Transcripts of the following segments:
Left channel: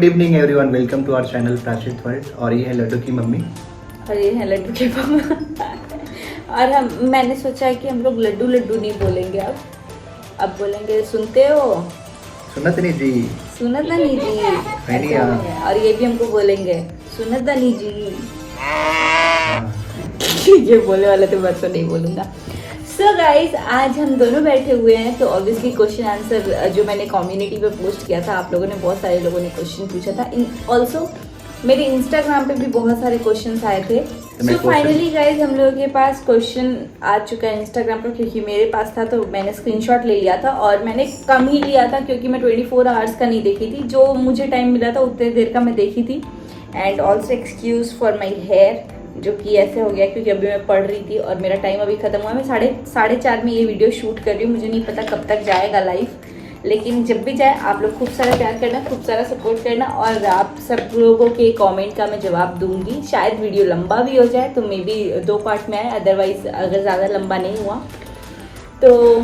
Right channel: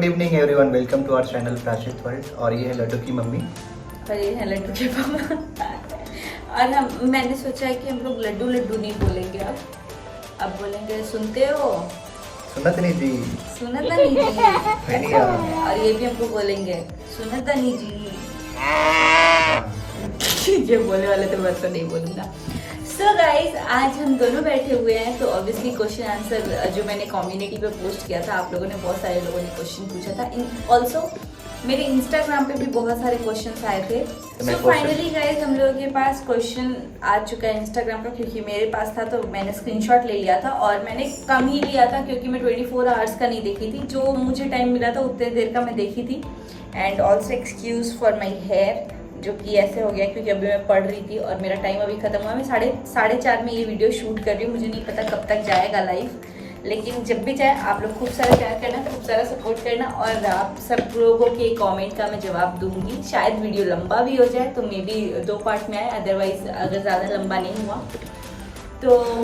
Good evening everyone, welcome to our channel Prachit world. और ये है लड्डू की मम्मी और ये है लड्डू के पापा। और मैंने सोचा है कि हम लोग लड्डू लड्डू नहीं बोलेंगे, अब बोलेंगे सुनते हो, सुनत नहीं जी, सुनत नहीं जी। ऐसा हो गया। और ये भी हमको बोलेंगे सुनत नहीं जी। ये बोले वाला तो मैं तो नहीं बोलूँगा। सो गाइज, आज हम दोनों बैठे हुए हैं तो ऑब्वियसली क्वेश्चन आंसर जो मैंने कम्युनिटी पे पोस्ट किया था, आप लोगों ने बहुत सारे लोगों ने क्वेश्चन पूछा था। ऑल्सो मेरे इंस्टाग्राम पे भी बहुत सारे क्वेश्चन आए थे। सो फाइनली गाइज हम लोगों के पास क्वेश्चन आ चुका है इंस्टाग्राम पर, क्योंकि मेरे पास था तो मैंने स्क्रीनशॉट ले लिया था। और मैंने कम ही लिया था क्योंकि मैं 24 आवर्स का नहीं देखी थी, जो मुझे टाइम मिला था उतने देर का मैं देखी थी। And also excuse for my hair, जो कि ऐसे हो गया क्योंकि अभी मैं पढ़ रही थी और मेरा टाइम अभी खत्म हुआ। मैं साढ़े चार में ये वीडियो शूट कर रही हूँ, मुझे नहीं पता कब तक जाएगा लाइव, लेकिन जब भी जाए आप लोग खूब सारा प्यार करना, खूब सारा सपोर्ट करना। और आप सब लोगों के कमेंट का मैं जवाब दूंगी। शायद वीडियो लंबा भी हो जाए तो मे बी 2 पार्ट में आए, अदरवाइज अगर ज़्यादा लंबा नहीं हुआ तो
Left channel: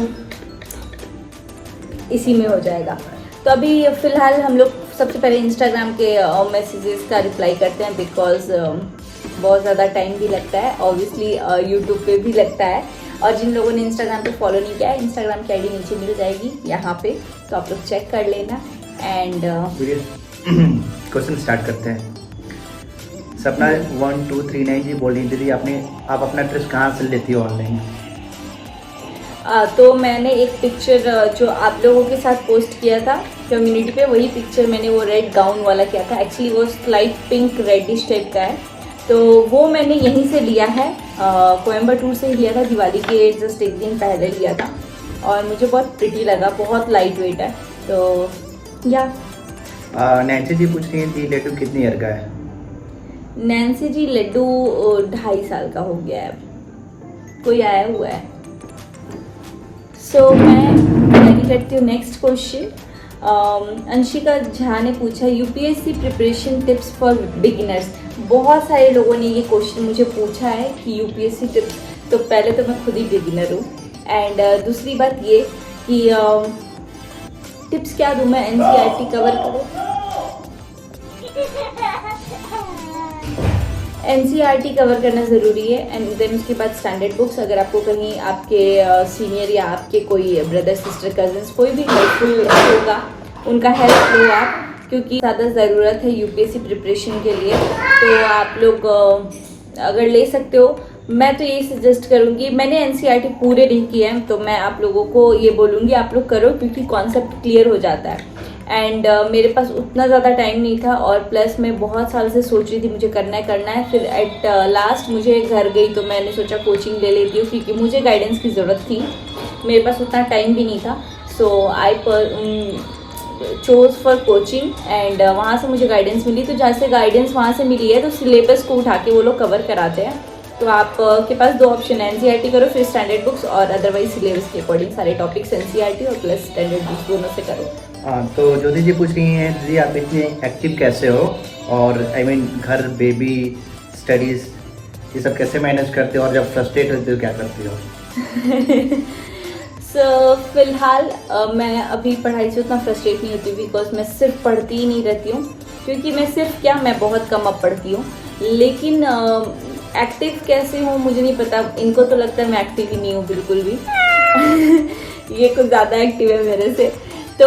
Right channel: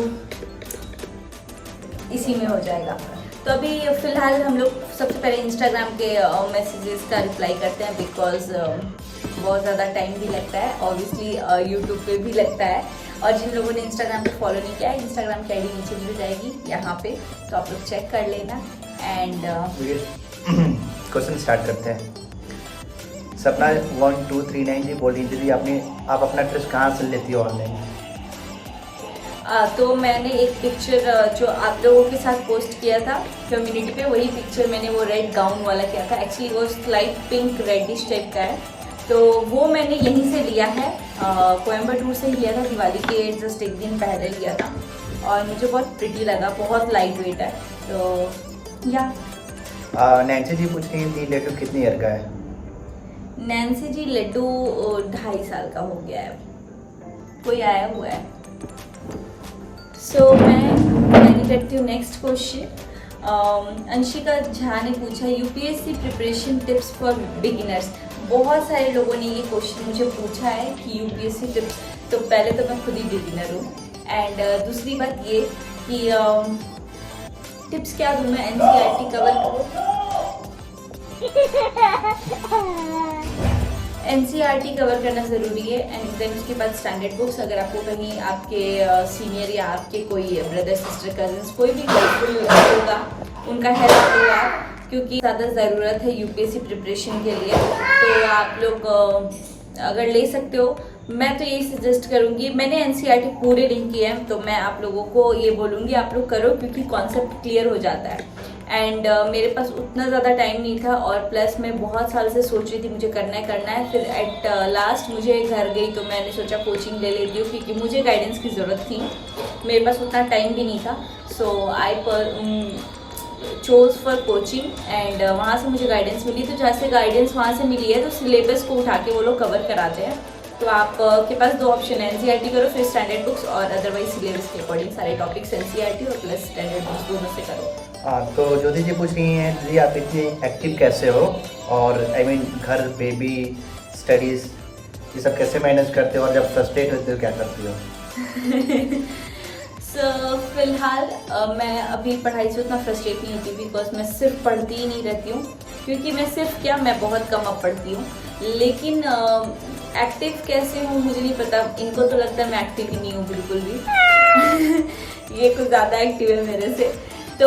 इसी में हो जाएगा। तो अभी फ़िलहाल हम लोग सबसे पहले इंस्टाग्राम के मैसेजेस का रिप्लाई करते हैं, बिकॉज बहुत ज़्यादा टाइम भी लगता है, ऑब्वियसली यूट्यूब पे भी लगता है। और जिन लोगों ने इंस्टाग्राम पे फॉलो नहीं किया है, इंस्टाग्राम की आईडी नीचे मिल जाएगी यहाँ पे, तो आप लोग चेक कर लेना। एंड क्वेश्चन स्टार्ट करते हैं। सपना 1239 जी बोल रही थी, आप अपना ड्रेस कहाँ से लेती हो ऑनलाइन? तो मैंने एक पिक्चर जो आप लोगों के साथ पोस्ट किया था कम्युनिटी पे, वही पिक्चर मैंने वो रेड गाउन वाला किया था। एक्चुअली वो स्लाइट पिंक रेडिश टाइप का है, तो वो मैंने यहीं से लिया है, कोयम्बटूर से ही लिया था, दिवाली के जस्ट एक दिन पहले लिया था। और मुझे बहुत प्रिटी लगा, बहुत लाइट वेट है। तो या नैन्सी जी पूछ रही थी लड्डू कितनी ईयर का है? नैन्सी जी लड्डू 2.5 साल का हो गया है, कोई आया हुआ है। सो मैं रेडी करती हूँ नेक्स्ट क्वेश्चन। अंशिका झा ने पूछा UPSC preparation tips for beginners. बहुत सारे लोगों ने ये क्वेश्चन मुझे पूछा है कि यूपीएससी टिप्स, तो पहले तो मैं खुद ही बिगिनर हूँ। एंड दूसरी बात ये कि टिप्स क्या दूँ मैं, एनसीईआरटी कवर एनसीईआरटी कवर करना ज़रूरी है। एंड देन उसके बाद स्टैंडर्ड बुक्स, अगर आपको कहीं आपके सीनियर या आपके कोई ब्रदर सिस्टर कजिन्स कोई भी हेल्पफुल होगा, उनका हेल्प लो आप, क्योंकि ज़्यादा ज़रूरत है यूपीएससी प्रिपरेशन के लिए। तो आप लोग अगर ले सकते हो, मैं तो यही सजेस्ट करूँगी। मैंने एनसीईआरटी पूरे नहीं किए हैं, तो मैं आप लोगों को ये बोलूँगी आप लोग करो, क्योंकि कॉन्सेप्ट क्लियर हो जाता है। एंड मेरे पास उतना ज़्यादा टाइम नहीं था, और प्लस मैं बहुत साल से सोच रही थी मुझे करना है। फिर एट लास्ट मुझे घर गई तो मैंने सोचा कोचिंग ले लेती हूँ, क्योंकि मुझे गाइडेंस की ज़रूरत थी, मेरे पास उतना टाइम भी नहीं था। So I chose for coaching, and वहाँ से मुझे गाइडेंस मिली। तो जैसे गाइडेंस वहाँ से मिली है तो सिलेबस को उठा के वो लोग कवर कराते हैं। तो आप के पास 2 ऑप्शन है, एनसीईआरटी करो फिर स्टैंडर्ड बुक्स, और अदरवाइज सिलेबस के अकॉर्डिंग सारे टॉपिक्स एनसीईआरटी और प्लस स्टैंडर्ड बुक्स दोनों से करो। तो ज्योति जी पूछ रही हैं जी आप इतनी एक्टिव कैसे हो, और आई मीन घर, बेबी, स्टडीज़, ये सब कैसे मैनेज करते हो, और जब फ्रस्ट्रेट होते हो क्या करती हो? सो फिलहाल मैं अभी पढ़ाई से उतना फ्रस्ट्रेट नहीं होती, बिकॉज मैं सिर्फ पढ़ती ही नहीं रहती हूँ, क्योंकि मैं सिर्फ क्या, मैं बहुत कम अब पढ़ती हूँ। लेकिन एक्टिव कैसे हूँ मुझे नहीं पता, इनको तो लगता है मैं एक्टिव ही नहीं हूँ बिल्कुल भी। ये कुछ ज़्यादा एक्टिव है मेरे से। तो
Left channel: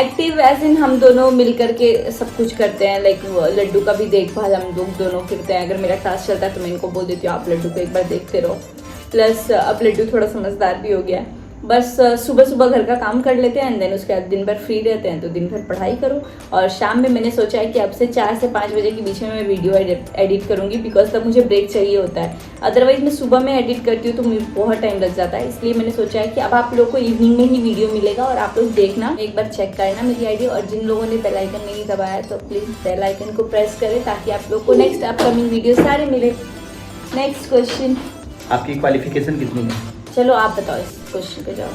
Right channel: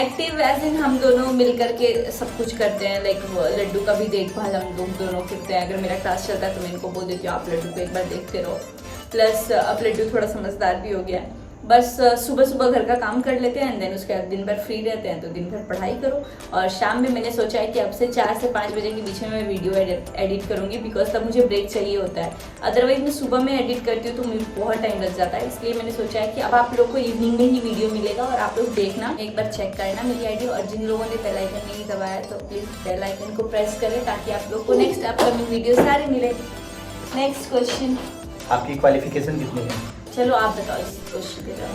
एक्टिव एज इन हम दोनों मिल करके सब कुछ करते हैं, लाइक लड्डू का भी देखभाल हम लोग दोनों करते हैं। अगर मेरा क्लास चलता है तो मैं इनको बोल देती हूँ आप लड्डू को एक बार देखते रहो। प्लस अब लड्डू थोड़ा समझदार भी हो गया है, बस सुबह सुबह घर का काम कर लेते हैं, एंड देन उसके बाद दिन भर फ्री रहते हैं, तो दिन भर पढ़ाई करो। और शाम में मैंने सोचा है कि अब से 4 से 5 बजे के बीच में मैं वीडियो एडिट करूँगी, बिकॉज तब मुझे ब्रेक चाहिए होता है। अदरवाइज मैं सुबह में एडिट करती हूँ तो मुझे बहुत टाइम लग जाता है, इसलिए मैंने सोचा है कि अब आप लोग को इवनिंग में ही वीडियो मिलेगा, और आप लोग देखना, एक बार चेक करना मेरी आईडी। और जिन लोगों ने बेल आइकन नहीं दबाया है तो प्लीज़ बेल आइकन को प्रेस करें, ताकि आप लोग को नेक्स्ट अपकमिंग वीडियो सारे मिले। नेक्स्ट क्वेश्चन, आपकी क्वालिफिकेशन कितनी है? चलो आप बताओ इस क्वेश्चन के जवाब।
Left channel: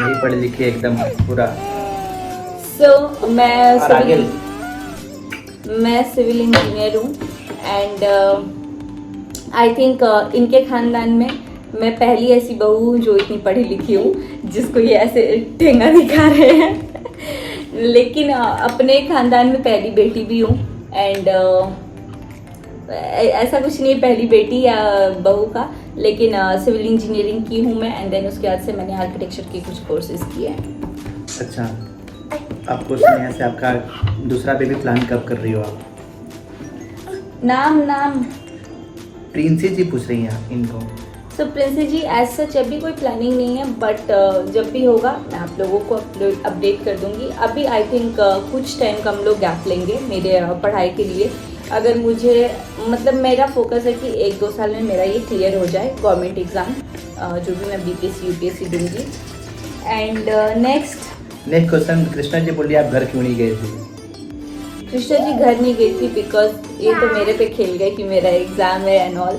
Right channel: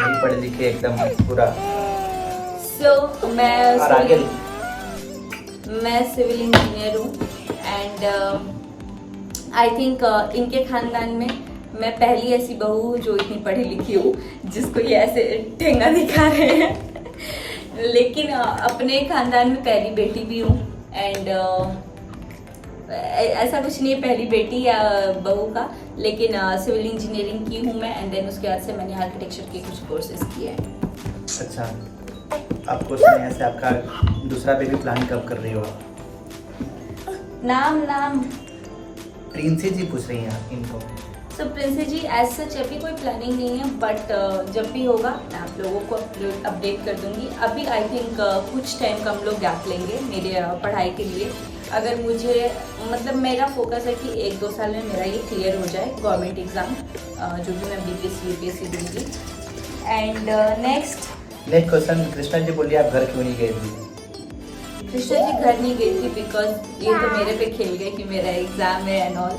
नहीं पढ़े लिखे एकदम पूरा। सो मैं सिविल इंजीनियर हूँ, एंड आई थिंक इनके खानदान में मैं पहली ऐसी बहू हूँ जो इतनी पढ़ी लिखी हूँ, जिसको ये ऐसे ठेंगा दिखा रहे हैं। लेकिन अपने खानदान में पहली बेटी भी हूँ एंड ऐसा कुछ नहीं पहली बेटी या बहू का, लेकिन सिविल इंजीनियरिंग की हूँ मैं एंड देन उसके बाद से मैंने आर्किटेक्चर के कुछ कोर्सेज किए हैं। अच्छा, आप पूछ रहे हैं ऐसे आपका दूसरा बेबी प्लान कब कर रही हो आप? नाम प्रिंसी जी पूछ रही हैं इनको। सो प्रिंसी जी एज सच अभी कोई प्लानिंग नहीं है, बट जब भी होगा मैं आप लोगों को अपडेट कर दूंगी। अभी आई थिंक कुछ टाइम का हम लोग गैप लेंगे मेरे पढ़ाई के लिए। अगर मुझे मतलब मेरा फोकस है कि 1-2 साल में मेरा ये क्लियर हो जाए गवर्नमेंट एग्ज़ाम, जो भी मैं BPSC UPSC दूंगी। And next question, Krishna ji बोलिए आप घर क्यों नहीं गए थे? कृष्णा जी घर नहीं गई थी बिकॉज ये तो मेरे पे खेल गए कि मेरा एग्ज़ाम है एंड ऑल।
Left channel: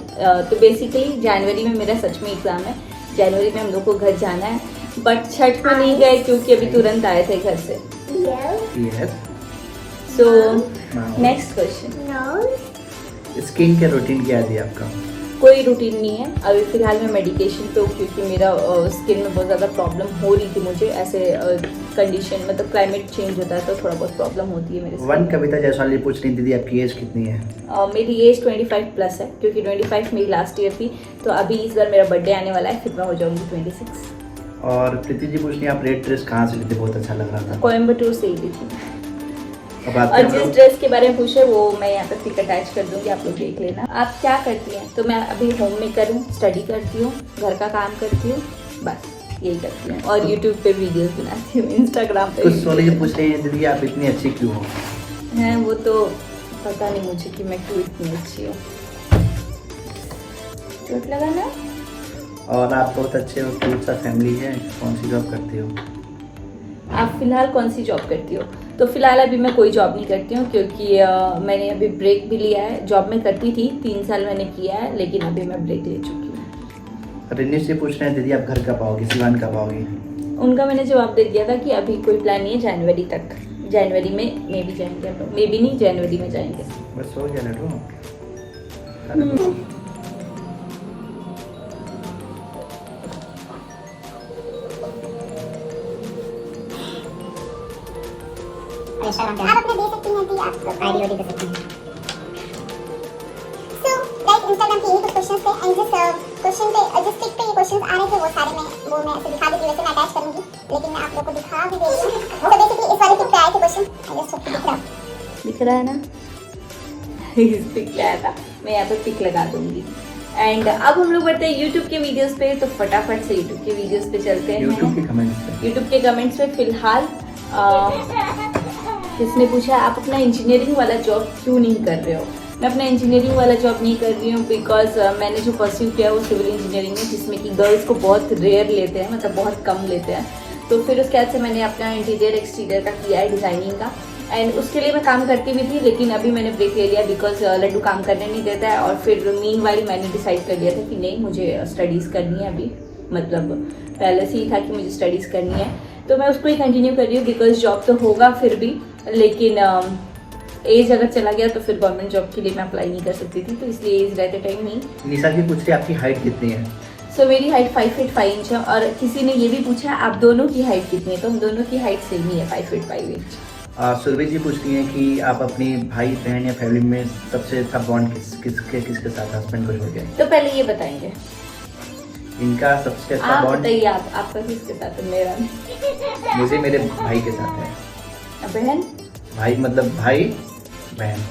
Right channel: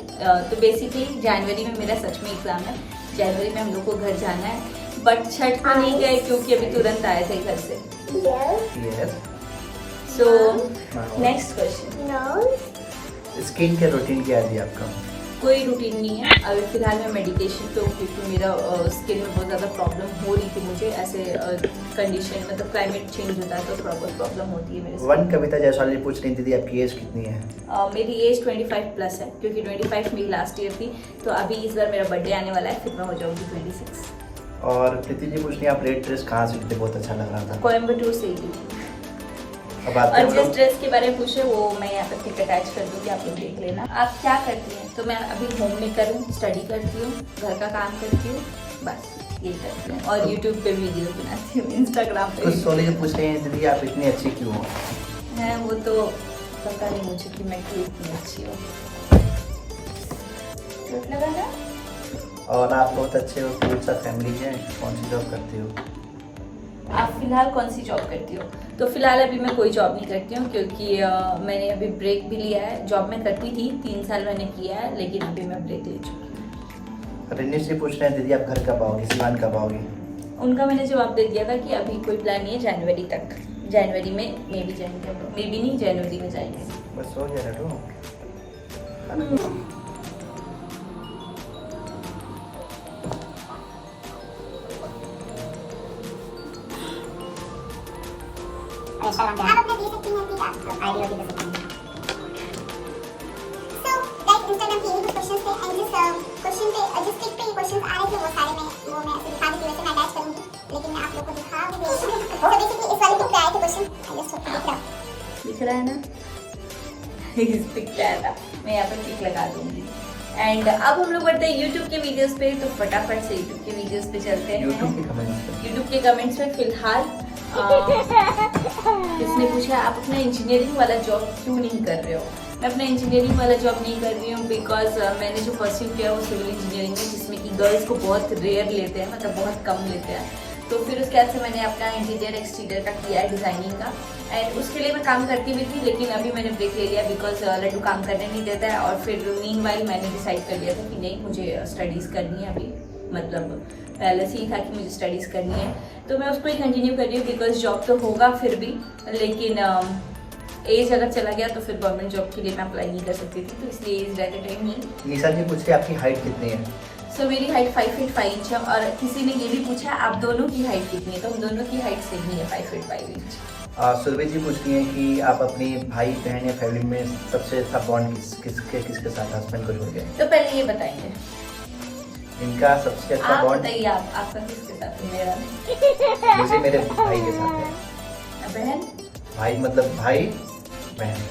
तो बेसिकली जनवरी में मेरा सच में एग्ज़ाम है, जनवरी में हम लोग को घर जाना है, बट छठ को नहीं गए क्योंकि अभी तुरंत आए थे घर से। सो नेक्स्ट क्वेश्चन, स्किन के रूटीन क्या है आपका? कोई रूटीन नहीं है अभी फिलहाल मैं मेडिकेशन पे हूँ क्योंकि मेरा स्किन में बहुत ज़्यादा प्रॉब्लम हो रही थी मुझे। ऐसे कंडीशन मतलब क्लाइमेट चेंज होता है तो थोड़ा बहुत प्रॉब्लम होती है मेरे से। वन कविता जायसवाल ये पूछ रही थी, दीदी आपकी एज कितनी है? मेरी एज 25 प्लस है क्योंकि 25 मेरी लास्ट ईयर थी, तो अभी इस बार मेरा बर्थडे आने वाला है, फिर मैं हो जाऊँगी 26। और प्रीति जी पूछ रही हैं आप रेड ड्रेस कहाँ से ली थी, बहुत अच्छा लग रहा था? कोयम्बटूर से ही ली थी। अब आप और जिस ड्रेस के बारे में पूछे वो मैं यहाँ पे पिक अटैच कर दूंगी, आप लोग देख लेना। आप क्या करती हैं? तो मैं अभी होम मेकर हूँ, स्टडी करती हूँ, घर का काम करती हूँ, बस यही करती हूँ। और यूट्यूब पे वीडियोस बनाती हूँ, इंस्टाग्राम पे। कुछ सोनी जी पूछ रही हैं दीदी आप इतनी अच्छी क्यों हो? हैं वो तो पता नहीं मुझे कि मैं क्यों इतनी अच्छी हूँ। चोट लगा ना? और आप बहुत अच्छे हो, कौन सा फैमिली है, कौन सी जॉब करती हो? आप फिलहाल कौन सी जॉब करती हो? तो फिलहाल अभी मैं कोई जॉब नहीं करती हूँ क्योंकि मैंने अभी ब्रेक भी लिया है। जॉब में करती थी 3 साल मैंने किया है, लेकिन अभी मैं ब्रेक ले चुकी हूँ। रिनीश जी पूछ रहे हैं दीदी आप घर कब आओगी, सिवान कब आओगी? उनका मैंने जवाब दे दिया था कि अभी कोई प्लान नहीं है, जनवरी तक, जनवरी में मे भी जाएंगे हम लोग, मे भी नहीं जनवरी में जाएंगे। बस हो गया लड्डू। आप अपने दे सकती हैं कि आप आईडी दे सकती हैं। सो गाइस इंस्टाग्राम पे कुछ क्वेश्चंस थे एंड जिस क्वेश्चन पे जिस टिक पे ये क्वेश्चंस आ रहे थे वो सारे मैं ऐसे दिखा देती, वैसे मैं अटैच करूंगी, लेकिन मैं आप लोगों को दिखा भी दे रही हूं। तो बेसिकली इस वाले टिक पे आए थे क्वेश्चन, आई जस्ट होप दिख रहा है ना? इस पिक लाया था, मैं यहाँ पे पिक लगा दूंगी। एंड अब हम लोग बढ़ते हैं यूट्यूब के वीडियोस पे, तो फटाफट से यूट्यूब के वीडियोस पे चलते हैं। यूट्यूब के कमेंट्स में फिलहाल किसने पूछा आप अपना इंजीनियरिंग वाला जॉब क्यों नहीं कर रहे हो? मैं अपना इंजीनियरिंग वाला जॉब नहीं कर रही हूँ बिकॉज मैंने जो परस्यू किया वो सिविल इंजीनियरिंग है, जिसमें कि गर्ल्स को बहुत रेयर लेते हैं, मतलब बहुत कम लेते हैं। तो फिर उसके बाद से मैंने अपना इंटीरियर एक्सटीरियर का किया है, डिज़ाइनिंग का, एंड उसके लिए मैं काम करती भी थी, लेकिन अभी मैंने ब्रेक ले लिया बिकॉज लड्डू काम करने नहीं देता है। और फिर मीनवाइल मैंने डिसाइड कर लिया था कि नहीं, मुझे स्टडीज़ करनी है अभी, मतलब पहले से ही था कि मुझे स्टडीज़ करनी है, तो मैं उसको ही कंटिन्यू कर रही हूँ बिकॉज जॉब तो होगा फिर भी, लेकिन एज अगर चला गया तो फिर गवर्नमेंट जॉब के लिए मैं अप्लाई नहीं कर सकती थी, तो इसलिए एज रहते टाइम नहीं। निशा जी पूछ रही है आपकी हाइट कितनी है? सो मेरी हाइट 5 फीट 5 इंच है, और किसी ने ये भी पूछा आप दोनों की हाइट कितनी है, तो हम दोनों की हाइट सेम ही है, 5 फीट 5 इंच। सुरभि जी पूछती हैं कि आप अपनी भाई बहन या फैमिली में सबसे अच्छा बॉन्ड किसके साथ, हस्बैंड को लेकर? तो पहले ये बताएंगे इनका सबसे अच्छा आप बॉन्ड बताइए, आपका किसके साथ है? मेरा नहीं। मुझे मेरे भाई के साथ है। बहन? भाई मतलब भाई बहन,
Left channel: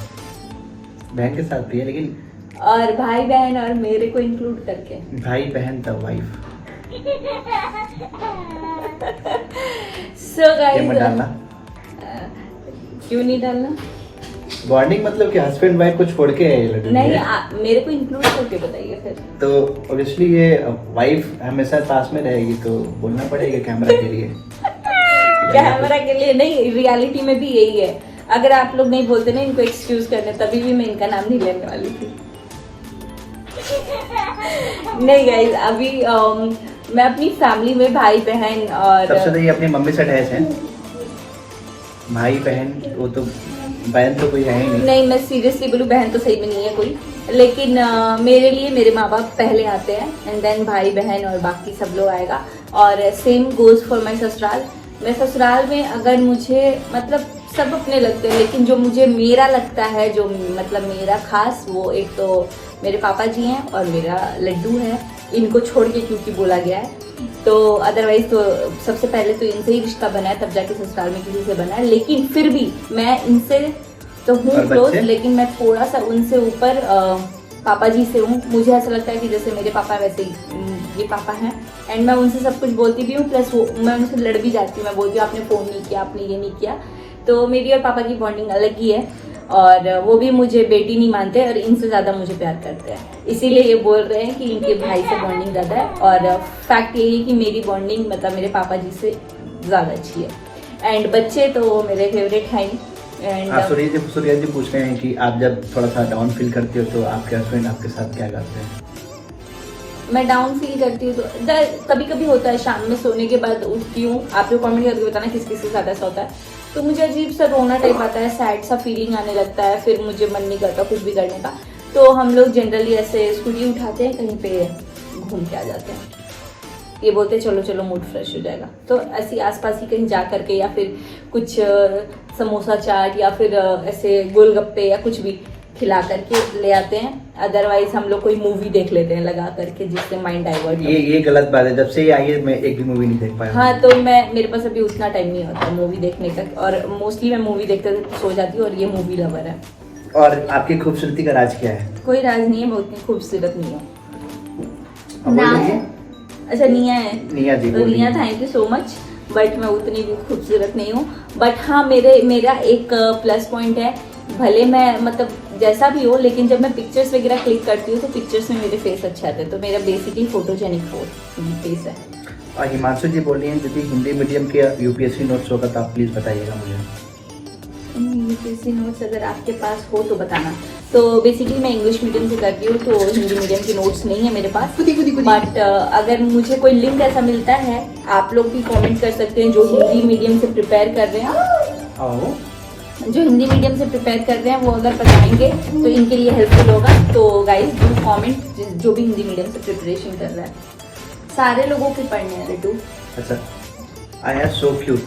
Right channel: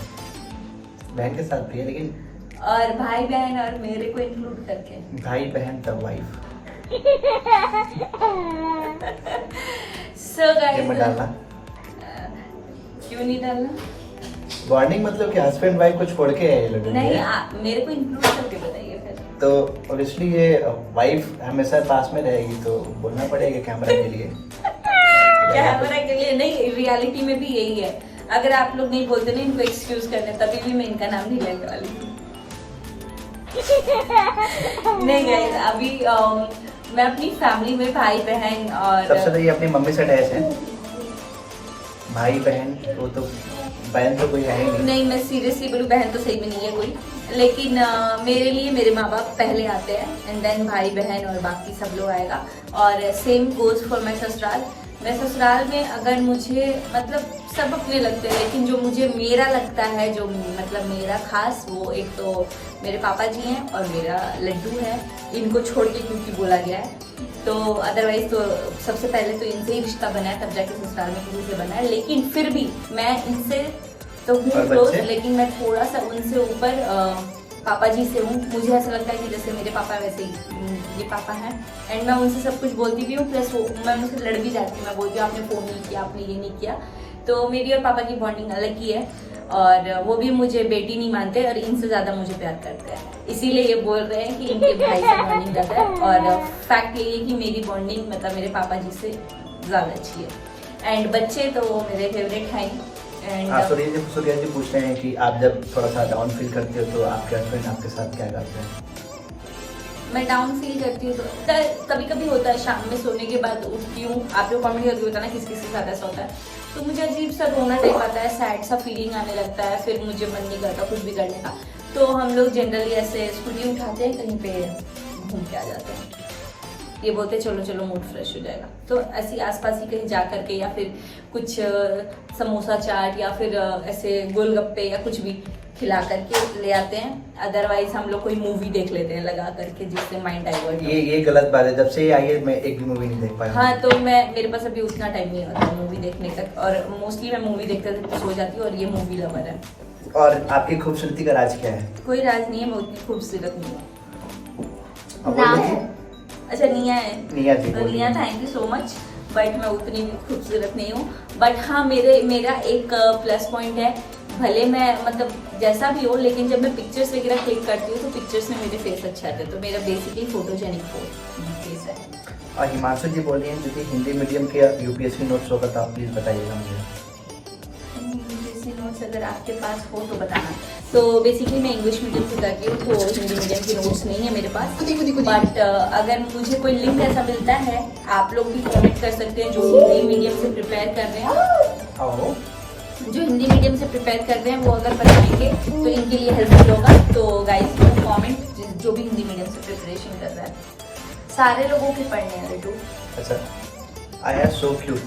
बहन के साथ भी है, लेकिन और भाई बहन और मेरे को इंक्लूड करके भाई बहन तब वाइफ। सो ये मत गाइस, डालना। क्यों नहीं डालना? बॉन्डिंग मतलब कि हस्बैंड वाइफ को छोड़ के लड़की नहीं, है। मेरे को इंक्लूड करके बताइए फिर। तो ऑब्वियसली ये वाइफ हमेशा पास में रहेगी, तो बोलना पड़ेगा कैमरा के लिए। कैमरा के लिए नहीं, रियलिटी में भी यही है। अगर आप लोग नहीं बोलते ना इनको एक्सक्यूज करने, तभी भी मैं इनका नाम नहीं लेने वाली थी। नहीं गाइस, अभी मैं अपनी फैमिली में भाई बहन और सबसे पहले अपनी मम्मी से अटैच है, भाई बहन वो तो बहन तो कोई है ही नहीं। नहीं, मैं सीरियसली बोलूँ बहन तो सही में नहीं है कोई, लेकिन मेरे लिए मेरे माँ बाप पहले आते हैं एंड देन भाई बहन और बाकी सब लोग आएगा। और सेम गोज फॉर माई ससुराल, मैं ससुराल में अगर मुझे मतलब सब अपने लगते हैं, लेकिन जो मुझे मेरा लगता है, जो मतलब मेरा खास, वो एक तो मेरे पापा जी हैं और मेरा लड्डू है। इनको छोड़ के क्योंकि बोला गया है, तो अदरवाइज तो सबसे पहले तो इनसे ही रिश्ता बना है, तब जाके ससुराल में किसी से बना है। लेकिन फिर भी मैं इनसे तो हूँ क्लोज, लेकिन मैं थोड़ा सा उनसे ऊपर पापा जी से हूँ। मुझे ऐसा लगता है कि जैसे मेरे पापा वैसे ही ये पापा हैं, एंड मैं उनसे सब कुछ बोलती भी हूँ, प्लस मैं उनसे लड़ भी जाती हूँ। मैं बोलती हूँ आपने फ़ोन नहीं किया, आपने ये नहीं किया। तो मेरी और पापा की बॉन्डिंग अलग ही है, और वो भी मुझे बेटी नहीं मानते और इनसे ज़्यादा मुझे प्यार करते हैं। इसीलिए ये बोल रहे हैं कि इनके भाई से बॉन्डिंग ज़्यादा है, और फैक्ट यही है कि मेरी बॉन्डिंग मतलब मेरे पापा जी से ज़्यादा अच्छी है। एंड बच्चे तो मेरे फेवरेट हैं। एंड सूर्या जी पूछ रहे हैं कि आप जब थोड़ा सा डाउन फील करते हो तो आपके हस्बैंड आपके साथ क्या करते हैं? मैं डाउन फील करती हूँ तो कभी कभी होता है, शाम में सोने के बाद उठती हूँ। आप लोग कमेंट करके बताना किस किस के साथ ऐसा होता है। तो मुझे अजीब सा रोना टाइप आता है, सैड सा फीलिंग आने लगता है, फिर मुझे मन नहीं करता कुछ भी करने का। तो हम लोग जनरली ऐसे स्कूटी उठाते हैं, कहीं पे घूम के आ जाते हैं। ये बोलते हैं चलो चलो मूड फ्रेश हो जाएगा, तो ऐसी आसपास ही कहीं जा करके, या फिर कुछ समोसा चाट या फिर ऐसे गोलगप्पे या कुछ भी खिला करके ले आते हैं। अदरवाइज हम लोग कोई मूवी देख लेते हैं लगा करके, जिससे माइंड डाइवर्ट हो। ये गलत बात है, जब से आई है मैं एक भी मूवी नहीं देख पाया। हाँ, तो मेरे पास अभी उतना टाइम नहीं होता मूवी देखने का, और मोस्टली मैं मूवी देखते सो जाती हूँ, और ये मूवी लवर है। और आपकी खूबसूरती का राज क्या है? कोई राज नहीं है, मैं उतनी खूबसूरत नहीं हूँ। नाम अच्छा निया है। निया जी, तो निया thank you so much, but मैं उतनी भी खूबसूरत नहीं हूँ। बट हाँ, मेरा एक प्लस पॉइंट है, भले मैं मतलब जैसा भी हो, लेकिन जब मैं पिक्चर्स वगैरह क्लिक करती हूँ तो पिक्चर्स में मेरे फेस अच्छा आता है। तो मेरा बेसिकली फोटोजेनिक फेस है। और हिमांशु जी बोल रही हैं यदि हिंदी मीडियम के यूपीएससी नोट्स होगा तो आप प्लीज़ बताइएगा मुझे। यूपीएससी नोट्स अगर आपके पास हो तो बताना। तो बेसिकली मैं इंग्लिश मीडियम से करती हूँ, तो हिंदी मीडियम की नोट्स नहीं है मेरे पास। बट अगर मुझे कोई लिंक ऐसा मिलता है, आप लोग भी कमेंट कर सकते हैं जो हिंदी मीडियम से प्रिपेयर कर रहे हैं। जो हिंदी मीडियम से प्रिपेयर कर रहे हैं वो अगर बताएंगे तो इनके लिए हेल्पफुल होगा। तो गाइस डू कमेंट जो भी हिंदी मीडियम से प्रिपरेशन कर रहा है। सारे लोगों के पढ़ने हैं बेटू। अच्छा, I am so cute.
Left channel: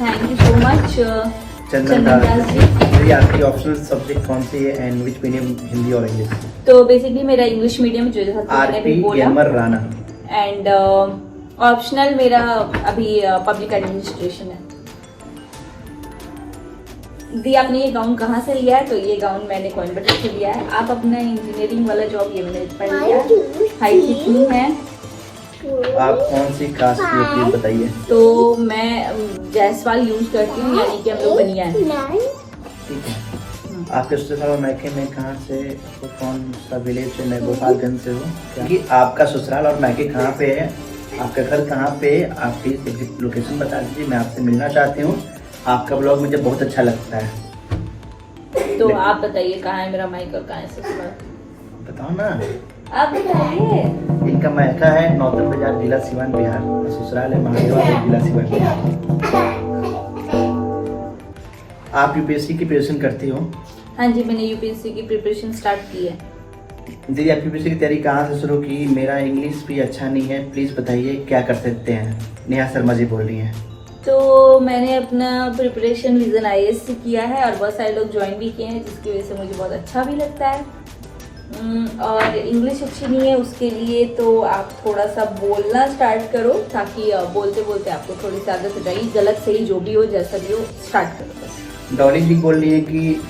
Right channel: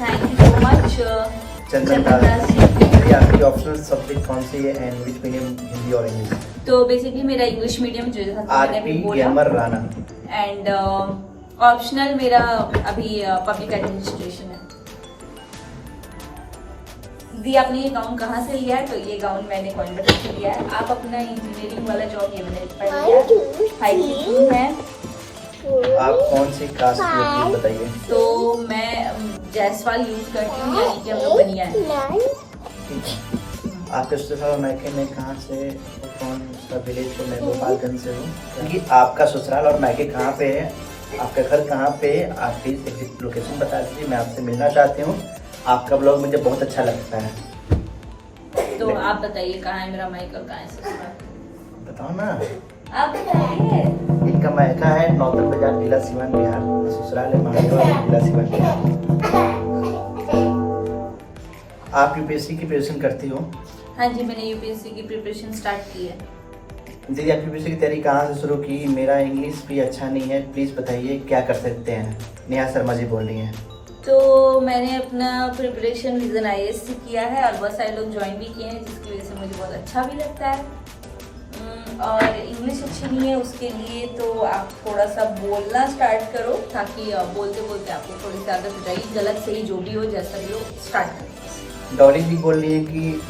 Thank you so much Chandan Das ji. आपकी ऑप्शनल सब्जेक्ट कौन सी है एंड व्हिच मीडियम, हिंदी और इंग्लिश? तो बेसिकली मेरा इंग्लिश मीडियम जो मैंने भी बोला, राणा, एंड ऑप्शनल मेरा अभी पब्लिक एडमिनिस्ट्रेशन है। दी आपने ये गाउन कहाँ से लिया है? तो ये गाउन मैंने कोयम्बटूर से लिया है। आप अपना इंजीनियरिंग वाला जॉब ये मैंने पढ़ लिया है। हाई कितनी है? आप कौन सी कास्ट की हो बताइए? तो मैं जायसवाल यूज करती हूँ, यानी कि हम लोग बनिया है। ठीक है। आपके ससुराल मायके में कहाँ से, कौन सा विलेज से? मैं गोपालगंज से हूँ। क्योंकि आपका ससुराल और मायके कहाँ पे है, आपका घर कहाँ पे है, आपकी लोकेशन बता दीजिए, मैं आपसे मिलना चाहती हूँ। आपका ब्लॉग मुझे बहुत अच्छा लगता है। तो आप बताइए कहाँ है मेरा मायका और कहाँ है ससुराल? बताओ ना। आप बताइए। इनका मायका है नौतन बाजार, जिला सीवान, बिहार। ससुराल है महादेवा, जिला सीवान, बिहार। आप यूपीएससी की प्रिपरेशन करती हो? हाँ जी, मैंने यूपीएससी की प्रिपरेशन स्टार्ट की है। दीदी, आप यूपीएससी की तैयारी कहाँ से शुरू की? मेरा इंग्लिश भी अच्छा नहीं है, प्लीज़ बताइए क्या कर सकते हैं? नेहा शर्मा जी बोल रही हैं। तो मैंने अपना प्रिपरेशन विजन आईएएस से किया है, और बहुत सारे लोग ज्वाइन भी किए हैं, जिसकी वजह से मुझे बहुत अच्छा भी लगता है। और इंग्लिश अच्छी नहीं है, उसके लिए तो आप थोड़ा सा बोलना स्टार्ट करो, ताकि बोलते बोलते आपको थोड़ी सी आदत हो जाएगी। गलत सही जो भी हो, जैसा भी हो, स्टार्ट करो बस। डॉली जी बोल रही है कि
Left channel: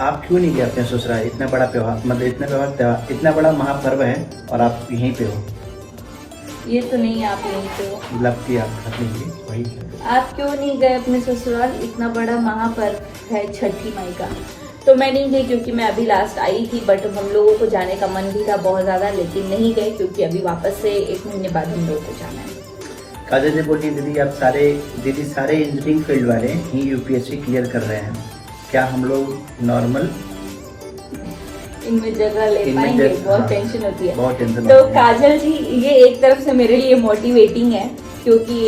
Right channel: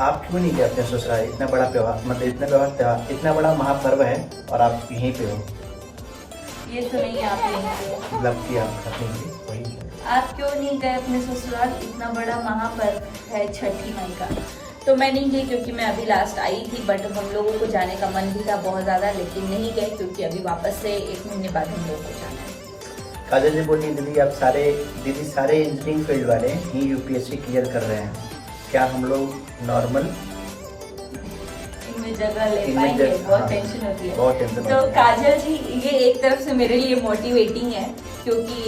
आप क्यों नहीं गए अपने ससुराल? इतना बड़ा त्यौहार, मतलब इतना बड़ा महापर्व है और आप यहीं पे हो। ये तो नहीं है, आप यहीं पे हो। लवली आप वही। आप क्यों नहीं गए अपने ससुराल? इतना बड़ा महापर्व है छठी माई का। तो मैं नहीं गई क्योंकि मैं अभी लास्ट आई थी, बट हम लोगों को जाने का मन भी था बहुत ज़्यादा, लेकिन नहीं गए क्योंकि अभी वापस से 1 महीने बाद हम लोगों को जाना है। काजल जी बोली दीदी आप सारे इंजीनियरिंग फील्ड वाले ही यूपीएससी क्लियर कर रहे हैं, क्या हम लोग नॉर्मल इनमें जगह ले पाएंगे? बहुत हाँ, टेंशन होती है। बहुत टेंशन। तो काजल जी, ये एक तरफ से मेरे लिए मोटिवेटिंग है, क्योंकि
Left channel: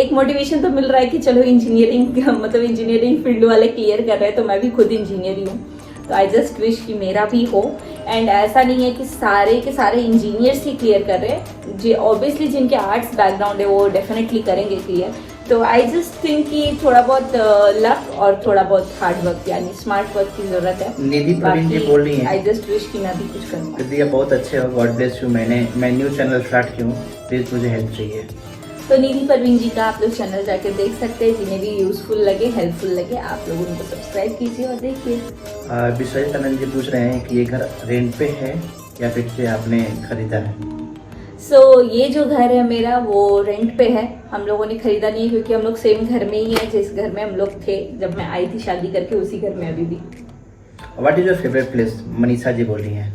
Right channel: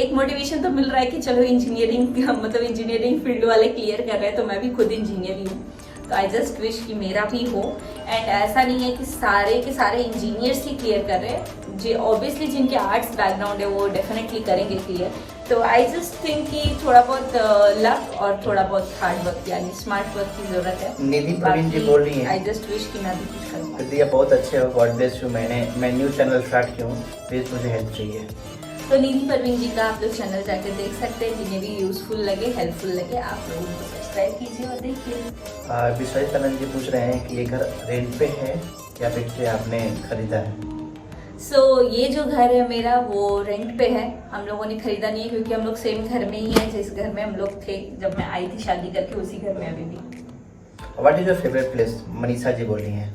एक मोटिवेशन तो मिल रहा है कि चलो इंजीनियरिंग मतलब इंजीनियरिंग फील्ड वाले क्लियर कर रहे हैं, तो मैं भी खुद इंजीनियर ही हूँ। तो आई जस्ट विश कि मेरा भी हो। एंड ऐसा नहीं है कि सारे के सारे इंजीनियर्स ही क्लियर कर रहे हैं, जी ऑब्वियसली जिनके आर्ट्स बैकग्राउंड है वो डेफिनेटली करेंगे क्लियर। तो आई जस्ट थिंक कि थोड़ा बहुत लक और थोड़ा बहुत हार्ड वर्क यानी स्मार्ट वर्क की जरूरत है। निधि प्रवीण जी बोल रही हैं, आई जस्ट विश कि मैं भी कुछ करूँ। दीदी आप बहुत अच्छे हो, गॉड ब्लेस यू। मैं न्यू चैनल स्टार्ट की हूँ, प्लीज़ मुझे हेल्प चाहिए। तो निधि परवीन जी का आप लोग चैनल जाकर देख सकते हैं, जिन्हें भी यूजफुल लगे हेल्पफुल लगे आप लोग उनको सब्सक्राइब कीजिए और देखिए। विश्वजीत आनंद जी पूछ रहे हैं कि ये घर रेंट पे है या फिर से आपने खरीदा है? सो ये जो घर है मेरा वो रेंट पे है, हम लोगों ने खरीदा नहीं है क्योंकि हम लोग सेम घर में ही हैं जिस घर में हम लोग थे जब मैं आई थी शादी करके, उसी घर में अभी भी। What is your favourite place? Manisha ji बोली हैं।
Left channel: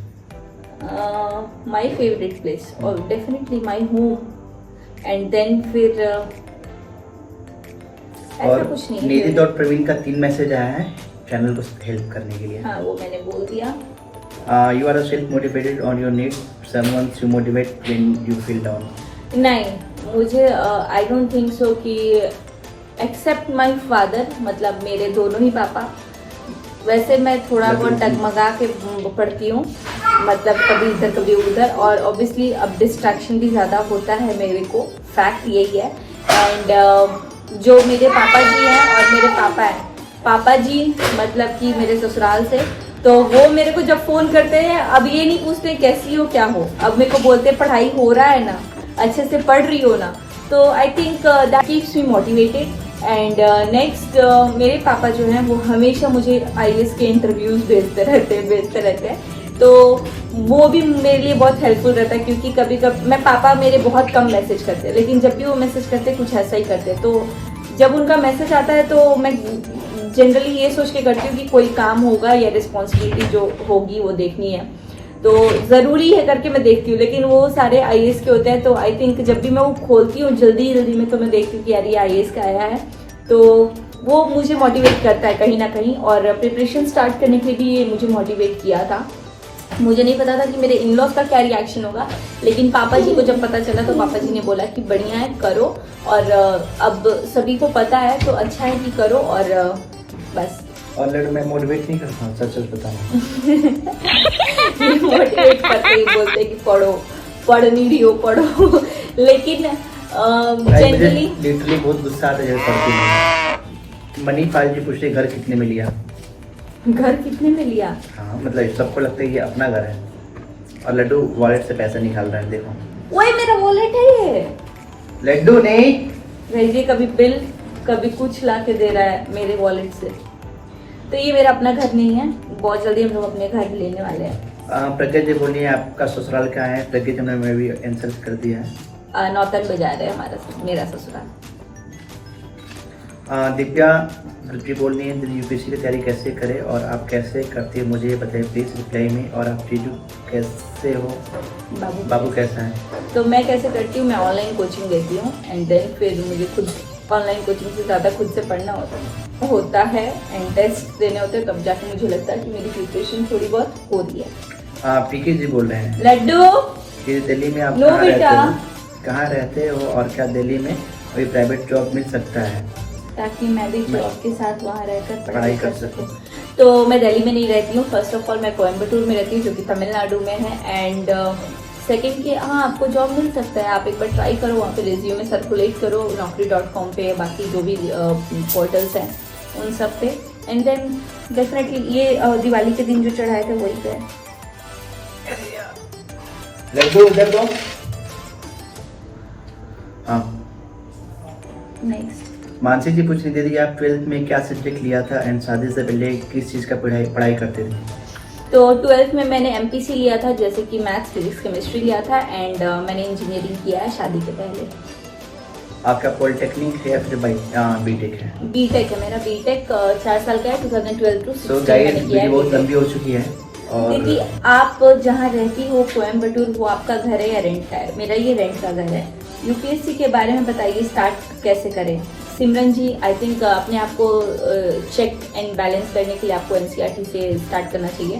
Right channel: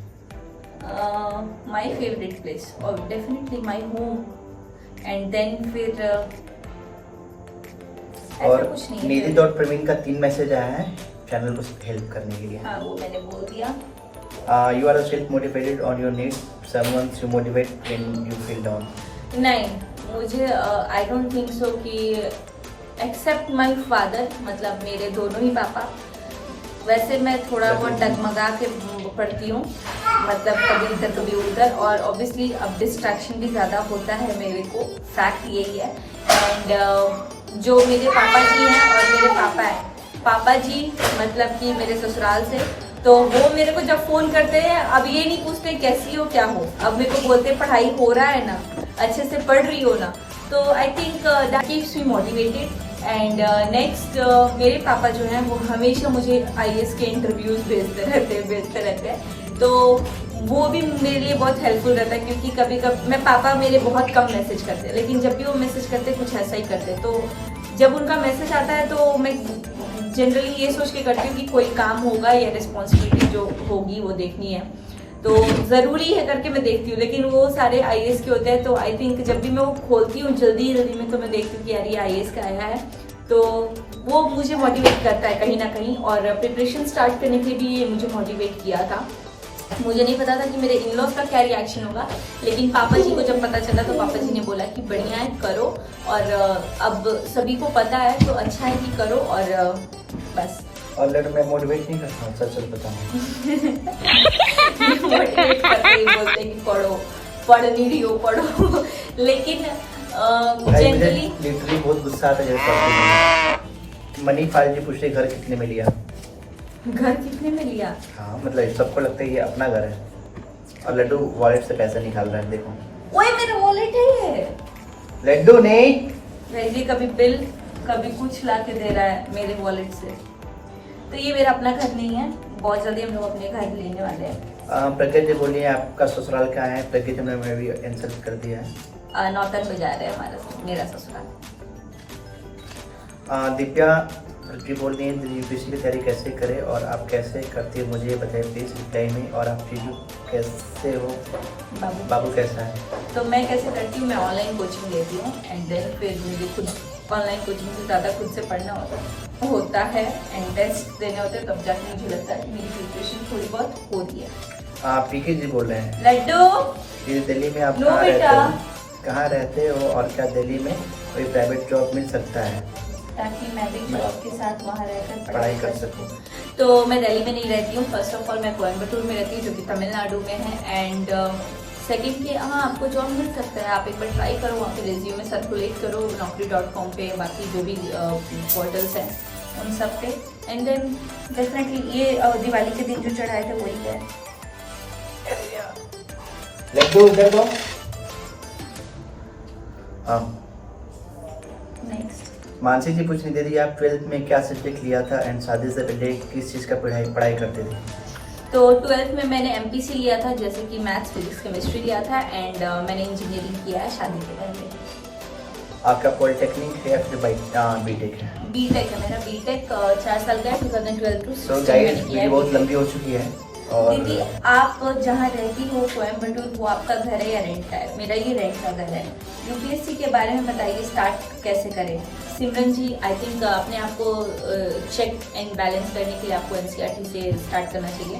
माय फेवरेट प्लेस और definitely my home and then फिर ऐसा और कुछ नहीं निधि है। डॉट प्रवीण का 3 मैसेज आया है चैनल को हेल्प करने के लिए। हाँ वो मैंने बोल दिया। You are self motivated or you need someone to motivate when you feel down? नहीं मुझे आई डोंट थिंक सो कि एक्सेप्ट माय फादर, मतलब मेरे दोनों ही पापा। वैसे मैं थोड़ा बहुत डगमगा के पढ़ती हूँ, मतलब कभी इधर कभी उधर, और ऑब्वियसली अब डिस्ट्रैक्शन भी ज़्यादा होता है मेरे को, फैक्ट यही है। एंड जो मेरे पापा जी हैं और मेरे पापा हैं, पापा जी मतलब कि मेरे ससुराल से, तो वो मेरे को जब फोन करते हैं अब ये नहीं पूछते कैसी हो क्या हो, अब मेरे को बोलते पढ़ाई हो रहा है ना, अच्छे से पढ़ रही हो ना। तो I think that keeps me motivated. And next मेरे पापा जो हैं वो हमेशा मुझे आईएएस के इंटरव्यूज भेजते रहते हैं, तो वो भी मेरे लिए बहुत हेल्पफुल रहता है क्योंकि कभी कभी मैं पापा मेरे बहुत कम मैसेज करते हैं, लेकिन जब भी वो मैसेज करते हैं कुछ ऐसा ही करते हैं। तो जब उनका मैसेज आता है तो मैं जनरली ये सोच के करती हूँ कि कोई काम होगा या रिस्पॉन्सिबिलिटी जो होगी वो देखनी है, तो ज़रूरी है करके मैं देखती हूँ। लेकिन वो सारे आईएएस के होते हैं, तो आई थिंक जब भी मैं वो खोलती हूँ जल्दी में तो मैं देखती हूँ कि यार ये आईएएस का आया है, तो वो मुझे मोटिवेट करता है कहीं ना कहीं। और प्रिपरेशन स्टार्ट करने के लिए भी ये मुझे मोटिवेट किया था। मुझे नहीं पता था कि मेरे इन लॉज का क्या रिएक्शन होगा, लेकिन पापा जी को जब पता चला तो पापा जी ने बोला कि बढ़िया है करो, और अब सभी को पता है तो अच्छा है कि करो, और बस। और मैं मोटिवेट नहीं करता हूँ, सच बताऊँ। मोटिवेट करते ही बोलते कि पढ़ो, पढ़ नहीं रही हो पढ़ो, लेकिन जनरली लिटरली बहुत गुस्सा आता है। मनी फाइल जी पूछ रही घर कितने में लिया? घर कितने में लिया? हाँ मतलब सबको लगता है कि अपना घर है, और लड्डू वॉलेट से पैसा निकाल रहा है, देखो। वही मेरा वॉलेट है ये। लड्डू नहीं भेजिए, कभी बिल कभी कुछ ला के दे रहा है मेरे वॉलेट से। तो ये मेरा अपना घर नहीं है, बहुत जल्दी हम लोग अपने घर लेने वाले हैं। प्रज्ञा जी बोलिए आपका ससुराल कहाँ है? प्रज्ञा जी ने मैं भी इंसल्ट कर दिया है। नौतन बाजार है मेरा ससुराल। दिव्या जी बोल रही है यूपीएससी की तैयारी कैसे करें और आप कैसे करती है मुझे बताइए प्लीज रिप्लाई में। और आप जीजू कैसे हो? बाबू कैसा है? तो मैं कैसे करती हूँ, मैं ऑनलाइन कोचिंग लेती हूँ, एंड देन फिर मुझे खुद ऑनलाइन कोचिंग से ज़्यादा खुद से पढ़ना होता है एंड टेस्ट देने होते हैं, तब जाके मुझे लगता है कि मेरी प्रिपरेशन थोड़ी बहुत हो रही है। पीके जी बोल रहे हैं लड्डू दिल्ली में आप नो बेटा कहाँ रहते हो और क्या दिल्ली में कोई प्राइवेट जॉब मिल सकता है ताकि मैं भी जॉब के साथ वहाँ रहकर पढ़ाई कर सकूँ? तो मैं दिल्ली में नहीं रहती हूँ। फर्स्ट ऑफ ऑल मैं कोयम्बटूर में रहती हूँ जो कि तमिलनाडु में है, एंड सेकेंड कि हाँ आपको जॉब मिल सकता है, आप एक बार ट्राई करो, वहाँ पे रिज्यूमे सर्कुलेट करो naukri.com पे, बाकी जो भी पोर्टल्स हैं उन सब पे, एंड देन डेफिनेटली ये दिवाली के दिन जो चढ़ाए थे वही है। नेक्स्ट मानसी जी पूछ रही थी आप 12th में क्या सब्जेक्ट लिया था एंड शादी से पहले किस चीज़ का पढ़ाई करते थे? तो 12th में मैंने MPC लिया था, जैसे कि मैथ्स फिजिक्स केमिस्ट्री लिया था, एंड मैंने इंजीनियरिंग किया है शादी के पहले। आपका पॉलिटेक्निक है या फिर बीटेक है? बीटेक है मेरा, बीटेक 4 साल का है, 2012 टू 16 मैंने किया है। बहुत लंबी हो चुकी है। और दीदी आप जहाँ रहती हो कोयम्बटूर, वो आपका घर है या रेंट का है? मेरा ये रेंट का घर है। यूपीएससी के बारे में बताइए, स्टार्ट कैसे करें? सिमरन जी आई थिंक अपने आप को चेक एंड बैलेंस करने के लिए आपको एनसीईआरटी से स्टार्ट करना चाहिए,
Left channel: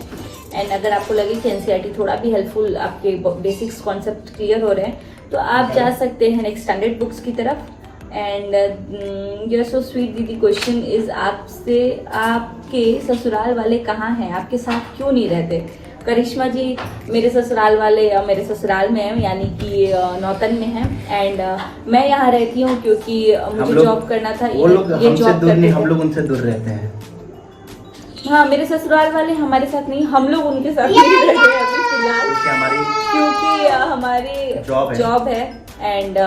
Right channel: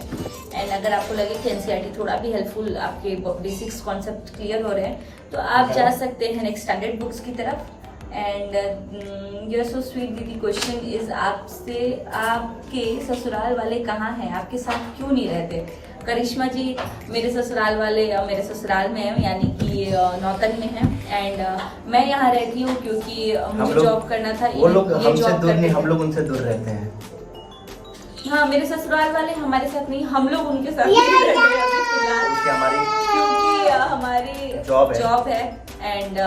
एंड अगर आपको लगे कि एनसीईआरटी थोड़ा भी हेल्पफुल, आपके बेसिक्स कॉन्सेप्ट क्लियर हो रहे हैं, तो आप जा सकते हैं एक्सटेंडेड बुक्स की तरफ, and you are so sweet दीदी। क्वेश्चन इज आपसे, आपके ससुराल वाले कहाँ हैं, आपके साथ क्यों नहीं रहते? करिश्मा जी, मेरे ससुराल वाले मेरे ससुराल में हैं, यानी कि नौतन में हैं। एंड मैं यहाँ रहती हूँ क्योंकि मुझे जॉब करना था। वो लोग ये हमसे जॉब दूर करते नहीं, थे। हम लोग उनसे दूर रहते हैं। हाँ, मेरे ससुराल वाले हमारे साथ नहीं, हम लोग उनके साथ नहीं रहते हैं अभी फिलहाल, क्योंकि हमारी जॉब है एंड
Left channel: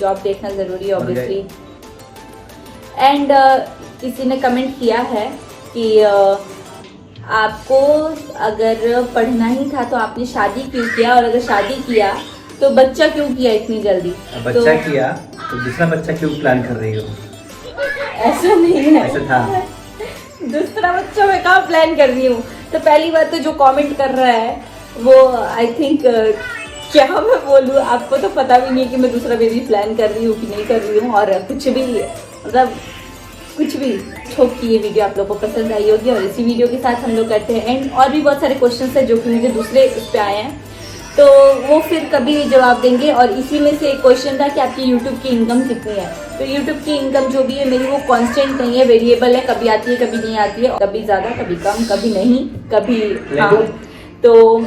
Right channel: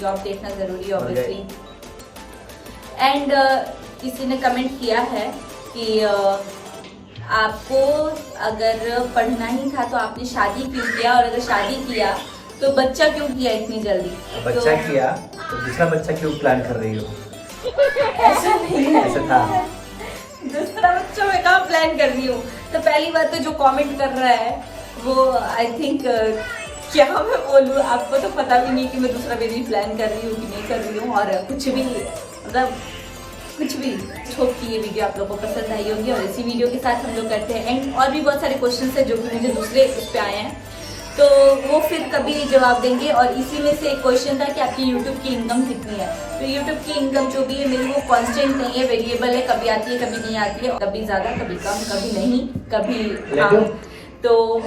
जॉब देखना जरूरी है ऑब्वियसली। एंड किसी ने कमेंट किया है कि आपको अगर पढ़ना ही था तो आपने शादी क्यों किया, और अगर शादी किया तो बच्चा क्यों किया इतनी जल्दी? बच्चा किया तो दूसरा बच्चा क्यों प्लान कर रही हो? ऐसा नहीं है, ऐसा था। दूसरा बच्चा मैं कहाँ प्लान कर रही हूँ? तो पहली बात तो जो कमेंट कर रहा है वो आई थिंक क्या मैं बोलूँ, आपको तो पता भी नहीं है कि मैं दूसरा बेबी प्लान कर रही हूँ कि नहीं कर रही हूँ, और कुछ भी मतलब कुछ भी। होप कि ये वीडियो आप लोगों को पसंद आई होगी, और इसी वीडियो के साथ हम लोग करते हैं एंड। और भी बहुत सारे क्वेश्चंस हैं जो कि मुझे दूसरे उस पर आए हैं, तो वो फिर कभी जवाब देंगे। और इसी में से एक क्वेश्चन था कि आपकी यूट्यूब की इनकम कितनी है। तो यूट्यूब की इनकम जो भी है मेरी, वो कांस्टेंट नहीं है, वेरिएबल है, कभी आती है कभी नहीं आती है, कभी ज़्यादा कभी कम, कभी नहीं कभी हाँ। तो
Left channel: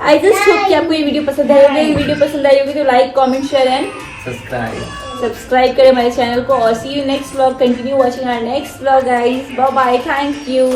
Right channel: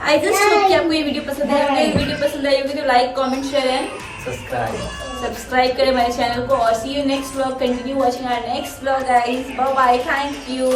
आई जस्ट होप कि आपको ये वीडियो पसंद आई होगी। वीडियो पसंद आई होगी तो like comment share and subscribe करें हमारे चैनल को। और see you next vlog, continue watching our next vlog guys, bye bye, thank you.